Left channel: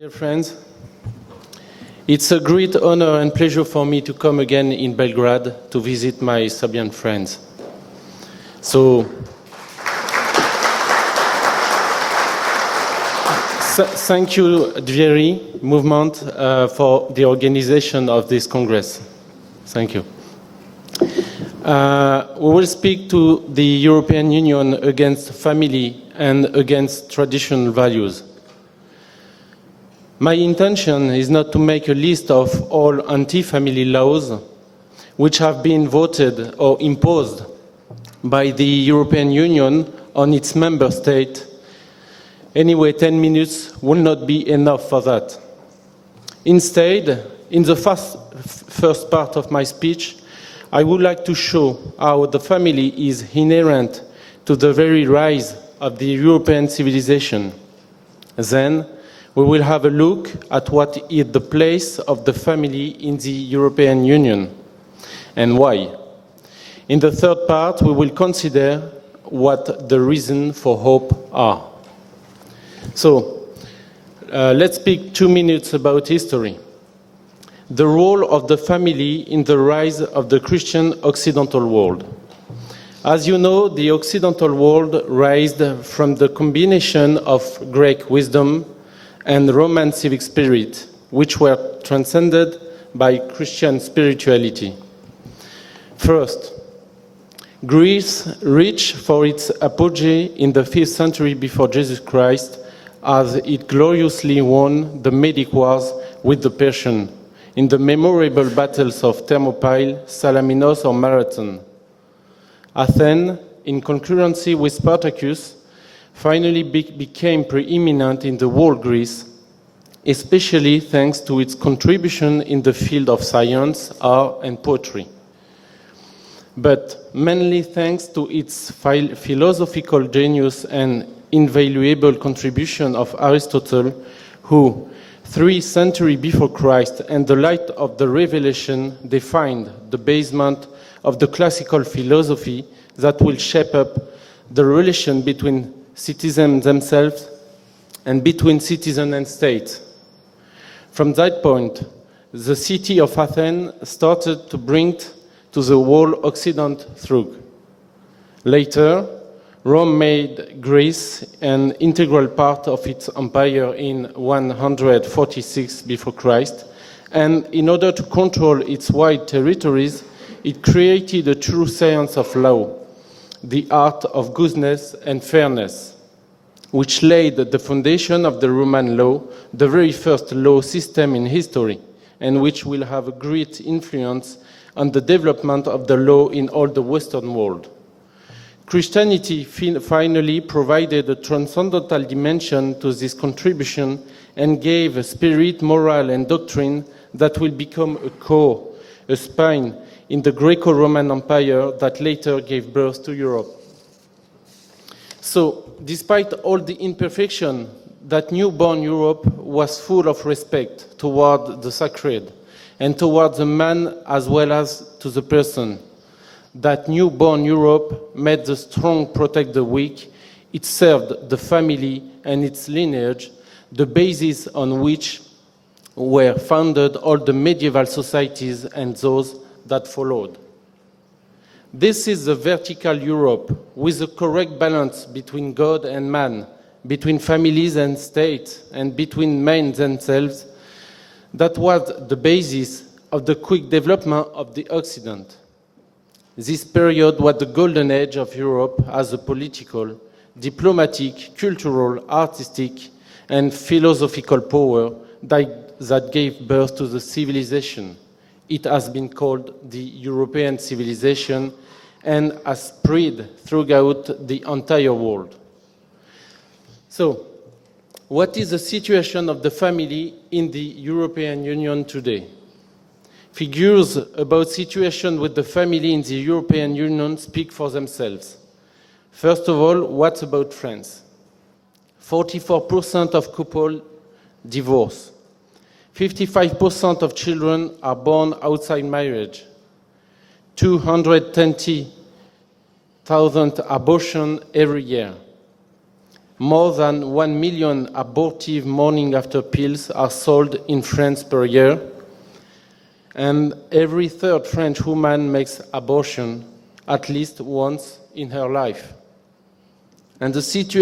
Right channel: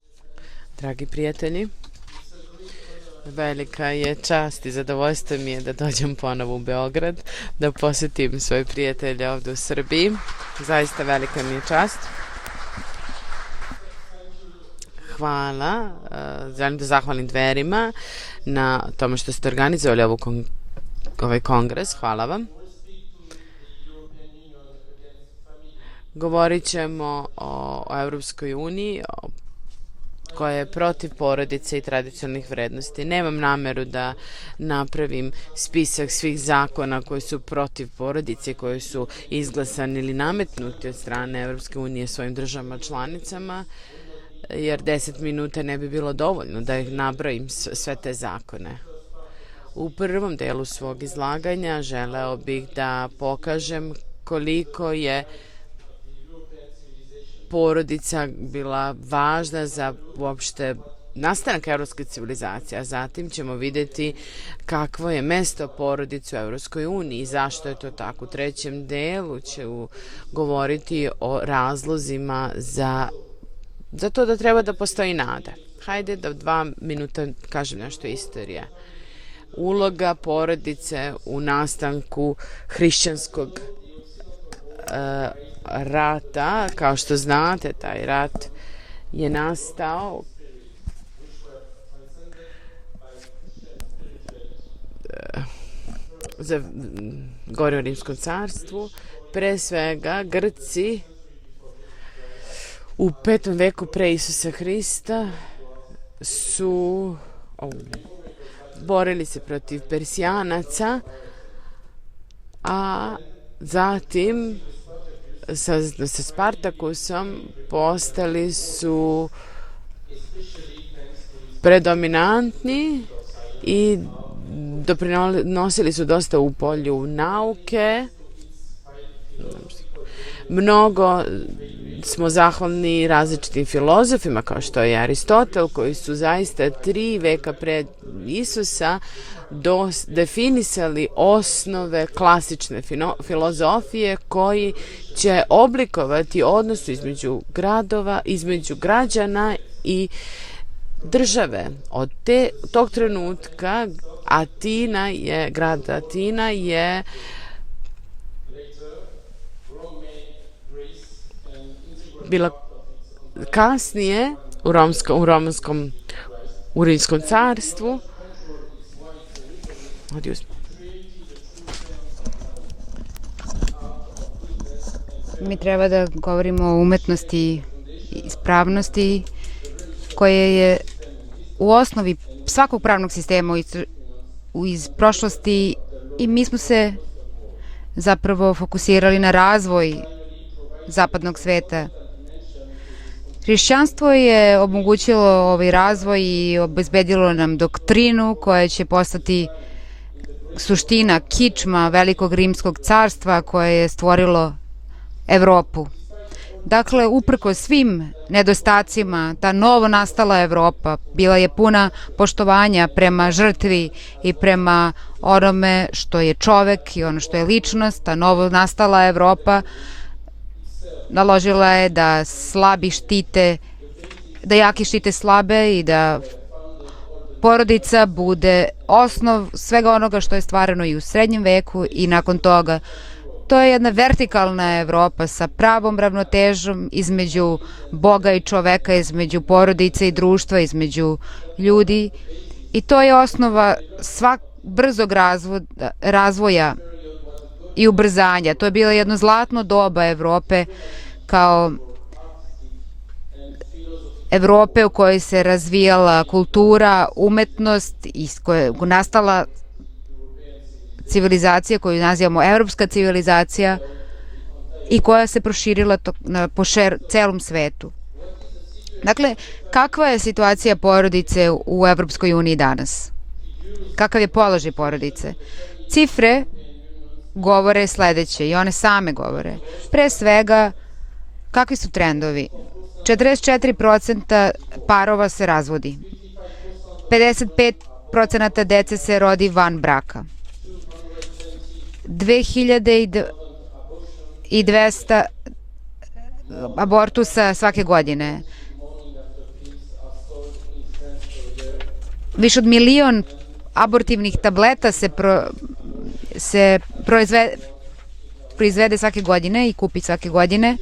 Dear friends, Dragi prijatelji, it's a great honor and pleasure for me velika to je come čast again i in zadovoljstvo Belgrade mi je da to dođem visit ponovo my u Serbian Beograd, friends. da posjetim svoje So- prijatelje ovdje u Srbiji. Zaista velika mi je čast. Thank you, DVERI Hvala. movement, Želim for zahvalim the DVERima organization of this na Congress. tome što ste organizovali Thank ovaj kongres. Hvala vam. We will speak to the European Union against family and Govorit against ćemo traditional o values. Europskoj uniji, My koja je intention protiv is not to porodice i make a list tradicionalnih of vrednosti. all Nemam anti-family nameru da laws napravim which have been spisak svih voted or zakona koji su imposed protiv porodice, by the koji su European Union izglasani ili on its nametnuti member od strane state. Evropske unije svojim državama Anyway, 10 članicama, minutes will not be jer enough for 10 that. minuta ne bi bilo dovoljno Instead, da nabrojim in the sve te zakone. first part of my speech, U prvom delu I svog would like to show izlaganja how želeo the bih family da is pokažem inherent to koliko the very je rise of the European civilization. porodica Then bila we will važna have a za look uopšte at what is the nastanak place evropske of the family civilizacije, a in zatim the ćemo European vidjeti Union. kakvo je and mesto why. porodice u Evropskoj uniji In the i third zašto je part, to we will tako. U consider trećem delu what ćemo the reason for govoriti hope o are. razlozima So, za to da treba da let's postoji speak nada. 2 minutes about Hajde history. Da 2 minuta kažem The nešto role of the istorije. family in the rise Uloga of the Christian porodice Occidental u world. nastanku As hrišćanskog you know, the Occidental world raised from the rata, combination kao što of znate, Greek taj rat wisdom je and Roman nastao civic spirit, which were transcended by Christian spirituality. First, za Goransko Greece, carstvo. rich for its Pre svega, apogee in the Grci 5th century before Jesus Christ, u as 5. it veku pre gloriously Isusa won Hrista the Medic Wars with the su Persian in the memorable battles borili of se Thermopylae, protiv Salaminos, or Persijanaca, Marathon. a Athens, in zatim concurrency with Spartacus, sa finally Spartakusom became preeminent in the world Greece, especially thanks to its contribution in the field of science, art, and poetry. Doprinosili su dosta u But polju mainly nauke. thanks to its philosophical genius Mnogo and invaluable smo contribution zahvalni of različitim Aristotle, filozofima kao who što je Aristotel, 3 koji su centuries before zaista Christ 3 and the veka light pred of the revelation Isusa defined the basement definisali of the classical osnove philosophy klasične that will shape up filozofije koji the relation će between oblikovati citizens odnos themselves između gradova, and between između citizen and građana state. i From that države. point, Od the tog city of trenutka Athens started to bring Atina je, to grad the whole Atina Occident je through. Later, Rome made Greece an integral Bila part of its empire in kasnije u 146 before Christ, u Rimskom and in order carstvu to control its wide territories, it created a true science of law, the art of goodness and Mi treba fairness, da govorimo o which laid the umetnosti foundation of the Roman law, the very first koje law je system in history, u osnovi and which svakog will have pravnog a sistema great influence iz on the development prošlosti of the law i mi in smo all the se Western world. zapravo fokusirali Christianity na razvoj finally provided a zapadnog sveta. transcendental dimension to this contribution Hrišćanstvo je and gave a omogućilo spirit, ovaj moral, razvoj and i doctrine obezbedilo that will nam become doktrinu a core, koja će a postati spine in the Greco-Roman suština, Empire kičma that velikog later gave rimskog birth to carstva Europe. koje je stvorilo So, Evropu. despite all the Dakle, uprko imperfections, svim that newborn nedostacima, Europe ta was novo full of nastala respect Evropa toward bila je the puna sacred poštovanja and prema toward the man žrtvi as i well prema as to the person. onome što je čovek That i ono što je newborn ličnost, ta Europe novo made the nastala strong protect Evropa the weak. It served the naložila je family da and its slabi lineage, štite, the basis da on jaki which štite slabe i da were founded all the medieval porodica societies bude and those osnov that svega onoga followed. što je stvarano i u srednjem veku This i is nakon a toga. vertical Europe To je jedna with the correct vertikalna balance Evropa sa between God pravom and man, ravnotežom between između families and Boga i state, čoveka, and između between men porodice i themselves. društva, između That was ljudi. the basis I to je of the quick osnova development of the brzog Occident. razvoja This period was the golden i age of ubrzanja. To je bilo Europe jedno as a zlatno political, doba Evrope diplomatic, kao cultural, artistic and philosophical Evrope power u kojoj se that razvijala gave birth to kultura, the civilization. umetnost iz koje It has been nastala called the European civilization civilizacija koju nazivamo and has evropska spread civilizacija throughout the entire i koja world. se proširila po So, celom svetu. What is the situation Dakle, of the family kakva je in the situacija porodice European Union u Evropskoj today? uniji danas? Figures Kakav je about položaj situation porodice? with the family in the Cifre European Union speak for govore themselves. sledeće i one same govore. First of all, Pre what svega, about trends? kakvi su trendovi? 44% of 44% divorce. parova se razvodi. 55% of children are born 55% outside dece se marriage. rodi van braka. 220,000 2000 abortion i every 200 abortusa svake godine. Abortive morning after pills are sold in France per year. Više od milion abortivnih tableta se proizvede svake godine i kupi svake godine.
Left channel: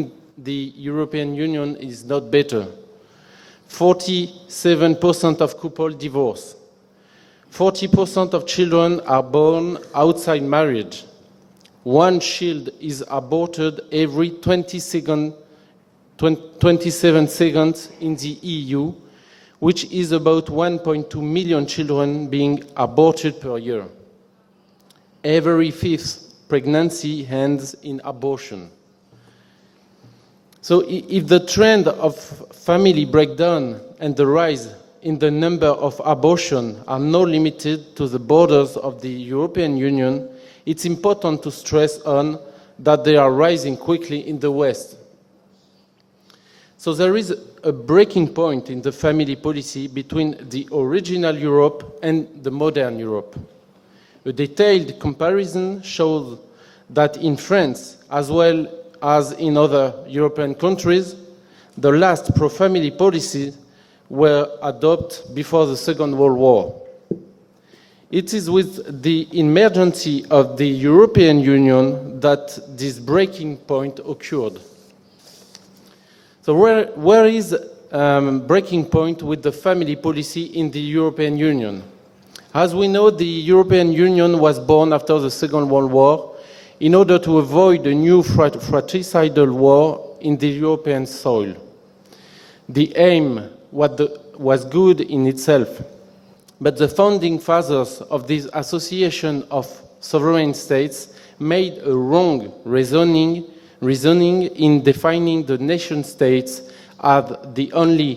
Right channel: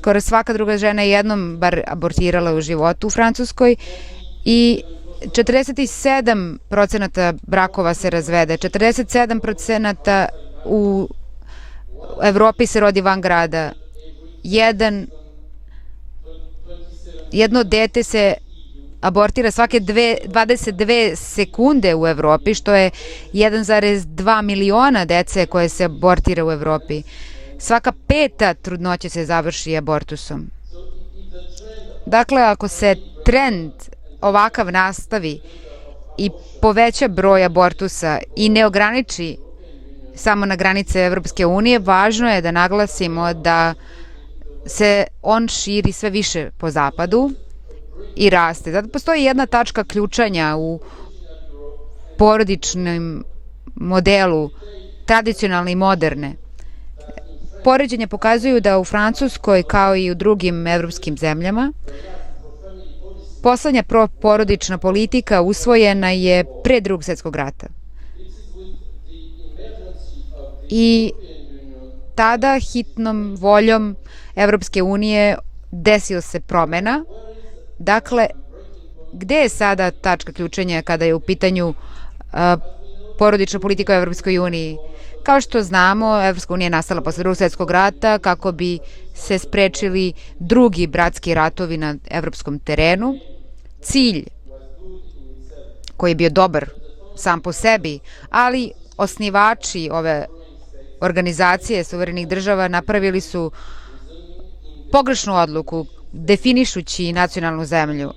Skoro svaka druga žena je jednom bar abortirala u životu u Francuskoj i 47% brakova se razvede, 47% u Evropi se rodi van grada. Jedno dete se abortira svake 22 sekunde u Evropi, što je 1,2 miliona dece koje se abortira u Evropi. Svaka peta trudnoća se završi abortusom. Dakle, ako se trend ovakav nastavi i poveća broj abortusa i ne ograniči samo na granice Evropske unije, važno je da naglasimo da se on širi sve više po zapadu i raste. Zato postoji jedna tačka ključanja u porodičnom modelu, tradicionalne i moderne. Poređenja pokazuju da u Francuskoj, kao i u drugim evropskim zemljama, poslednja porodična politika usvojena je pre Drugog svjetskog rata. I tada hitnom voljom Evropske unije desio se promena. Dakle, gde je sada tačka ključenja kada je u pitanju porodična politika u Evropskoj uniji? Kao što znamo, Evropska unija je nastala posle Drugog svjetskog rata kako bi se sprečili drugi bratski ratovi na evropskom terenu. Cilj koji je bio dobar sam po sebi, ali osnivači ove organizacije suverenih država napravili su pogrešnu odluku definišući nacionalnu zemlju.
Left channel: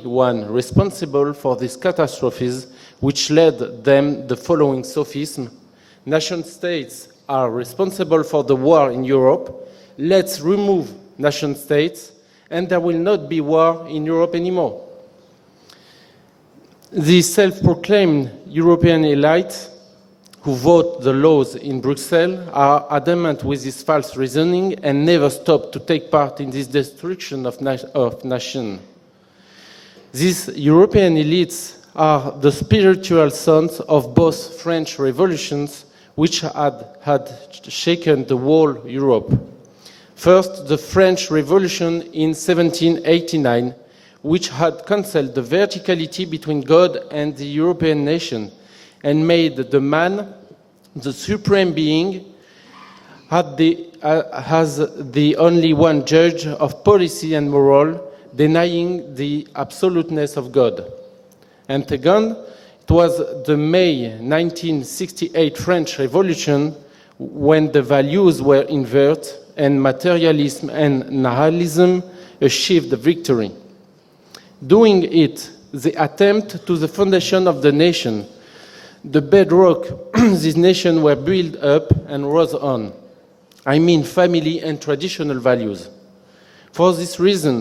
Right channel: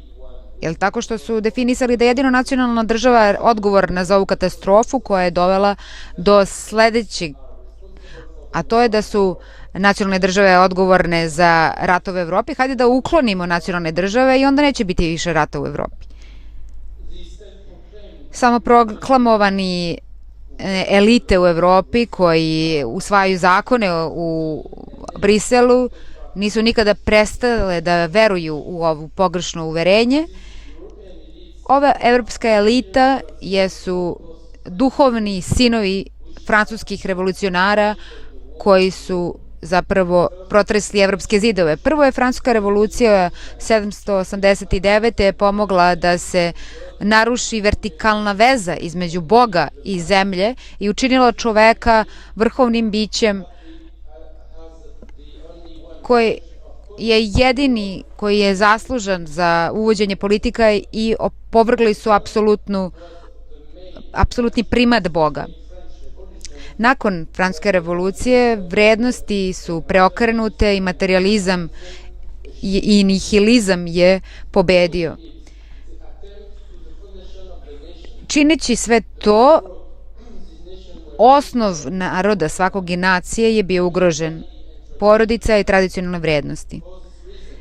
Jer tako što su definisali da je jedino nacionalna država odgovorna za ovu katastrofu koja je dovela do sledećeg, a to je da su nacionalne države odgovorne za ratove u Evropi. Hajde da uklonimo nacionalne države i onda neće biti više rata u Evropi. Samoproklamovani elite u Evropi koji usvajaju zakone u Briselu nisu nikada prestale da veruju u ovu pogrešno uverenje. Ova evropska elita jesu duhovni sinovi francuskih revolucionara koji su zapravo protresli evropske zidove. Prvo je Francuska revolucija 789. pomogla da se naruši vertikalna veza između Boga i zemlje i učinila čoveka vrhovnim bićem koji je jedini koji je zaslužan za uvođenje politika i opovrgli su apsolutni primat Boga. Nakon Francuske revolucije vrednosti su preokrenute i materializam i nihilizam je pobedio. Čineći sve to, osnov naroda svakog i nacije je bio ugrožen, porodica i tradicionalne vrednosti.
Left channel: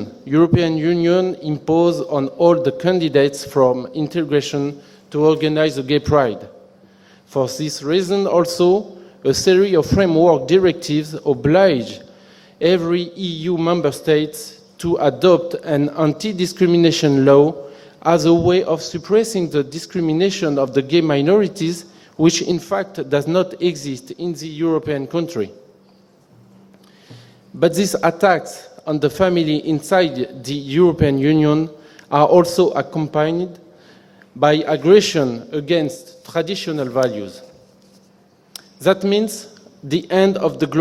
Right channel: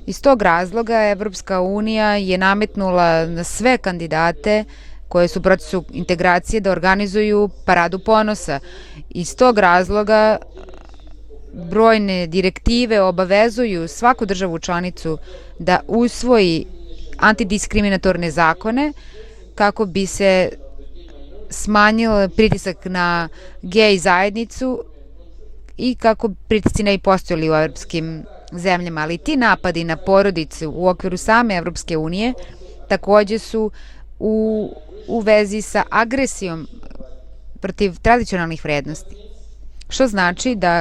Iz tog razloga Evropska unija je nametnula na sve kandidate koje su u procesu integracije da organizuju paradu ponosa. Iz tog razloga brojne direktive obavezuju svaku državu članicu da usvoji antidiskriminatorne zakone kako bi se smanjio pritisak na gej zajednicu i kako pritisci ne bi postojali u evropskim zemljama. Ali ti napadi na porodicu u okviru same Evropske unije takođe su u vezi sa agresijom protiv tradicionalnih vrednosti, što znači da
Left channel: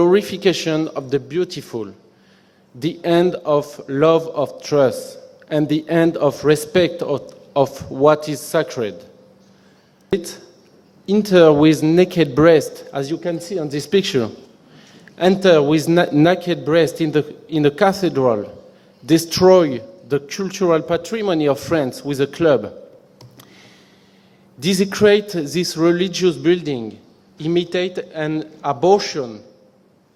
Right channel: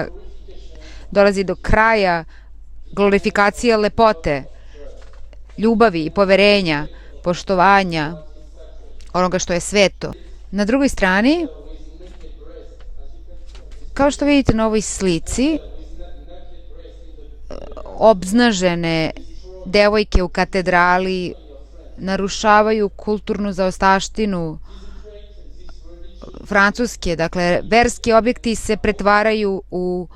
dolazi do kraja glorifikacije lepote, ljubavi, poverenja, poštovanja onoga što je sveto. Na drugoj strani, kao što vidite na ovoj slici, obznažene devojke u katedrali narušavaju kulturnu zaostavštinu Francuske. Dakle, verski objekti se pretvaraju u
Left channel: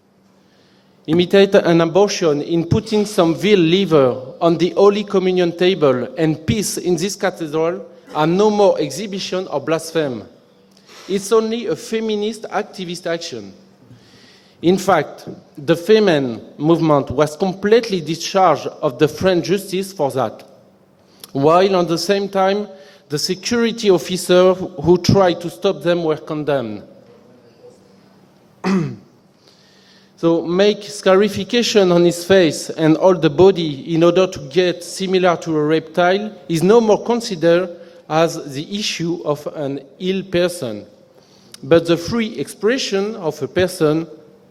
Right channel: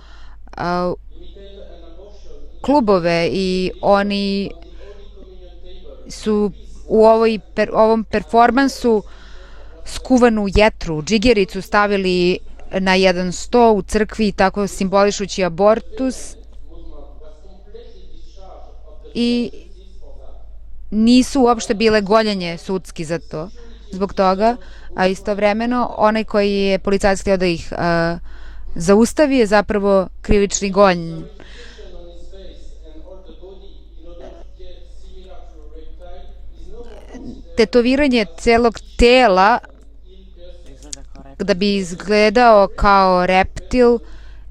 imitate an abortion in putting some veal liver on the Holy Communion table and peace in this cathedral are no more exhibition of blasphemy. Skuvanu jetru, džigericu stavili na jedan sto u crkvi, tako simbolišući abortus. The Femen movement was completely discharged of the French justice for that. Nisu uopšte bile gonjenje sudski za to. Zbog toga, a istovremeno, onaj koji je policajac htio da ih zaustavi je zapravo krivični gonj. So make scarification on his face and all the body in order to get similar to a reptile is no more considered as the issue of an ill person. Da bi izgledao kao reptil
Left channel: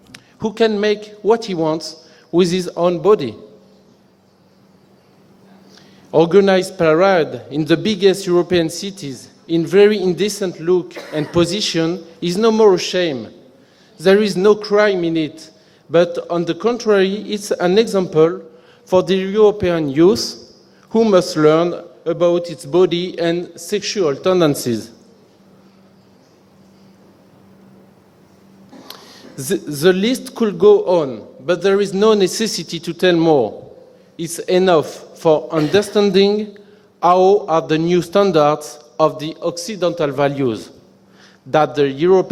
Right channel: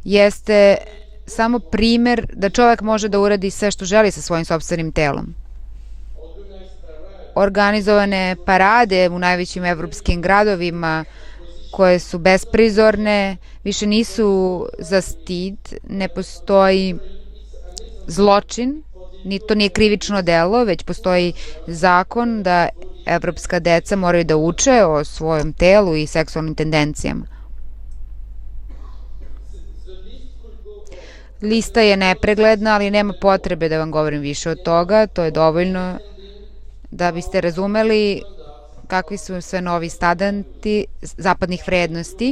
jeste samo primer da čovjek može da uradi sve što želi sa svojim sopstvenim telom. Organizovane parade u najvećim evropskim gradovima koje su besprizorne, više nisu za stid, ne postoji zločin, ni to nije krivično delo, već postoji zakon da evropska deca moraju da uče o svojom telu i seksualnim tendencijama. Lista je nepregledna, ali nema potrebe da vam govorim više od toga, to je dovoljno da biste razumeli kakvi su sve novi standardi zapadnih vrednosti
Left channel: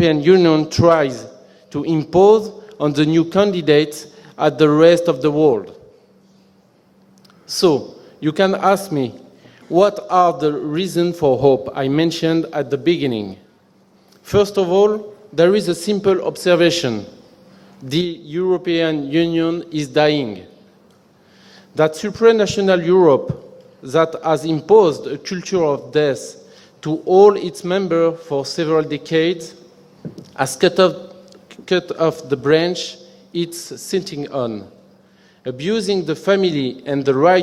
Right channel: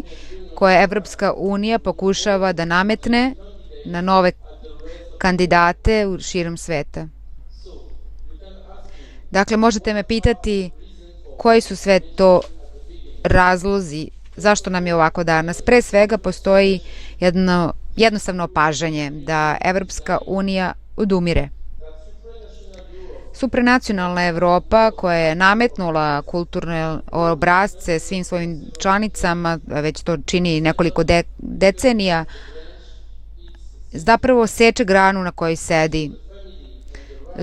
koje Evropska unija pokušava da nametne na nove kandidate u širom sveta. Dakle, možete me pitati koji su sve to razlozi, zašto nam je ovako danas. Pre svega postoji jednostavno opažanje da Evropska unija odumire. Supranacionalna Evropa koja je nametnula kulturne obrazce svim svojim članicama, već to čini nekoliko decenija, zapravo seče granu na kojoj sedi.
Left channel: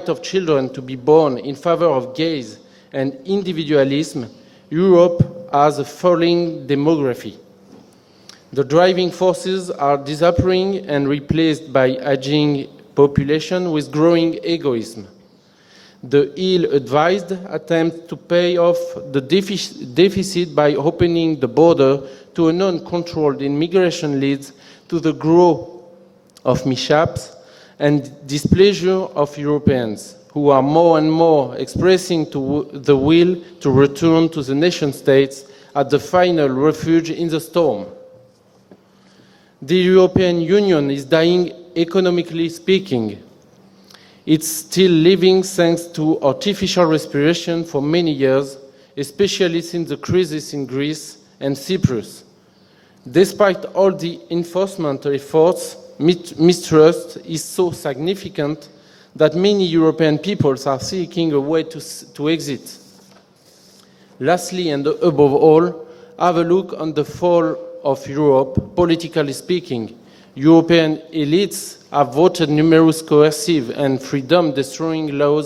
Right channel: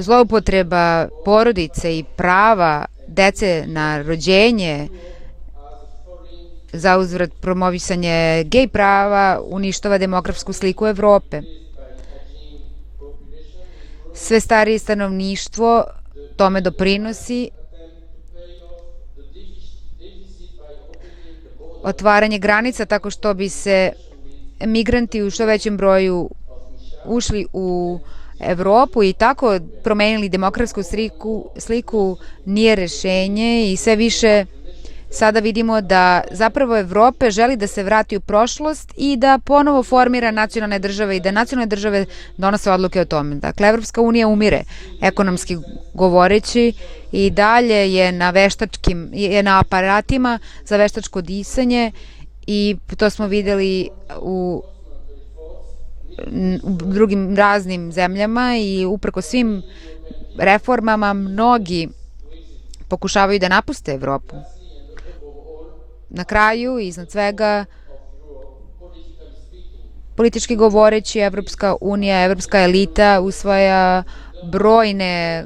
Zloupotreba porodice i prava dece na rođenje, za uzvrat promovisanje gej prava, uništava demokratsku sliku Evrope. Sve starije stanovništvo tome doprinosi. Otvaranje granica tako što bi se migranti u što većem broju ušli u Evropu i tako promenili demokratsku sliku nije rešenje i sve više sada vidimo da zapravo Evropa želi da se vrati u prošlost i da ponovo formira nacionalne države i da nacionalne države donose odluke o tome. Dakle, Evropska unija umire, ekonomski govoreći, i dalje je na veštačkim, na aparatima za veštačko disanje i to smo videli u drugim raznim zemljama i uprko svim reformama mnogi pokušavaju da napuste Evropu. Na kraju, iza svega, politički govoreći, Evropska unija, evropska elita usvaja brojne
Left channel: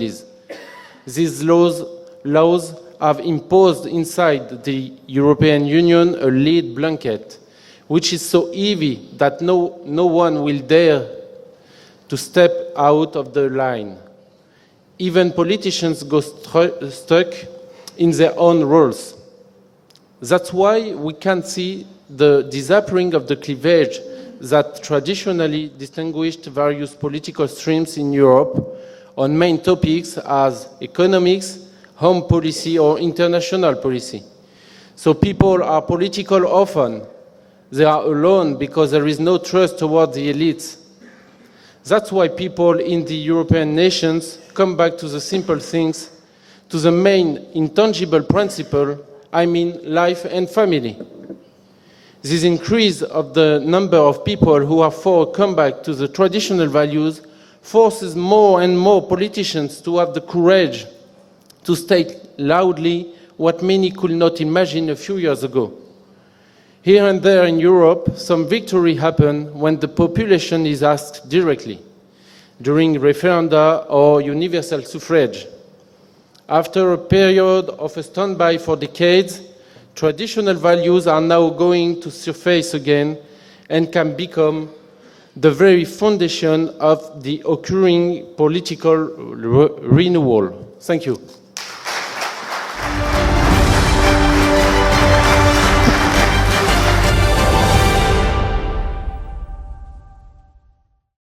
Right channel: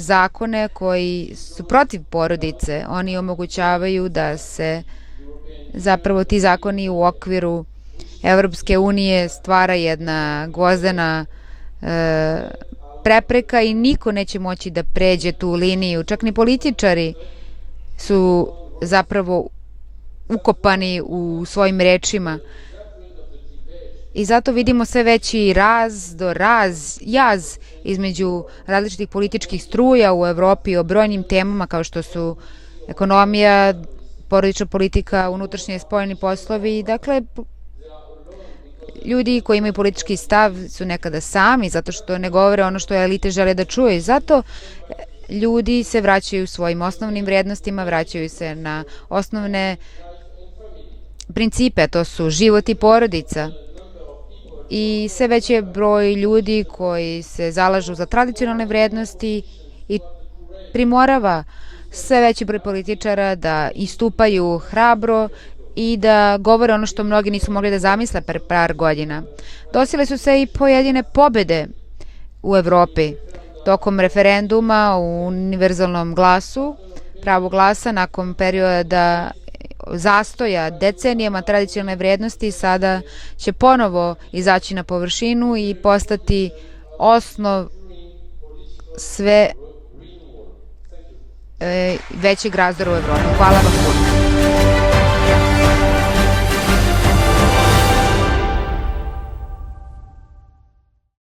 zakone koji su protiv porodice. Oni omogućavaju da se zapravo ti zakoni u okviru Evropske unije stvara jedna gvozdena prepreka i niko neće moći da pređe tu liniju. Čak ni političari su zapravo ukopani u svojim rečima. I zato vidimo sve veći jaz između različitih političkih struja u Evropi o brojnim temama kao što su ekonomija, porodična politika, unutrašnji i spoljni poslovi. Dakle, ljudi koji imaju politički stav su nekada sami, zato što ne govore ono što elite žele da čuje. Zato ljudi se vraćaju svojim osnovnim vrednostima, vraćaju se na osnovne principe, to su život i porodica. I sve veći je broj ljudi koji se zalažu za tradicionalne vrednosti i primorava sve veći broj političara da istupaju hrabro i da govore ono što mnogi nisu mogli da zamisle pre par godina. Dosile su se i pojedine pobjede u Evropi tokom referenduma u univerzalnom glasu, pravo glasa nakon perioda zastoja decenijama tradicionalne vrednosti sada će ponovo izaći na površinu i postati osnov sve većeg razdora. Hvala vam.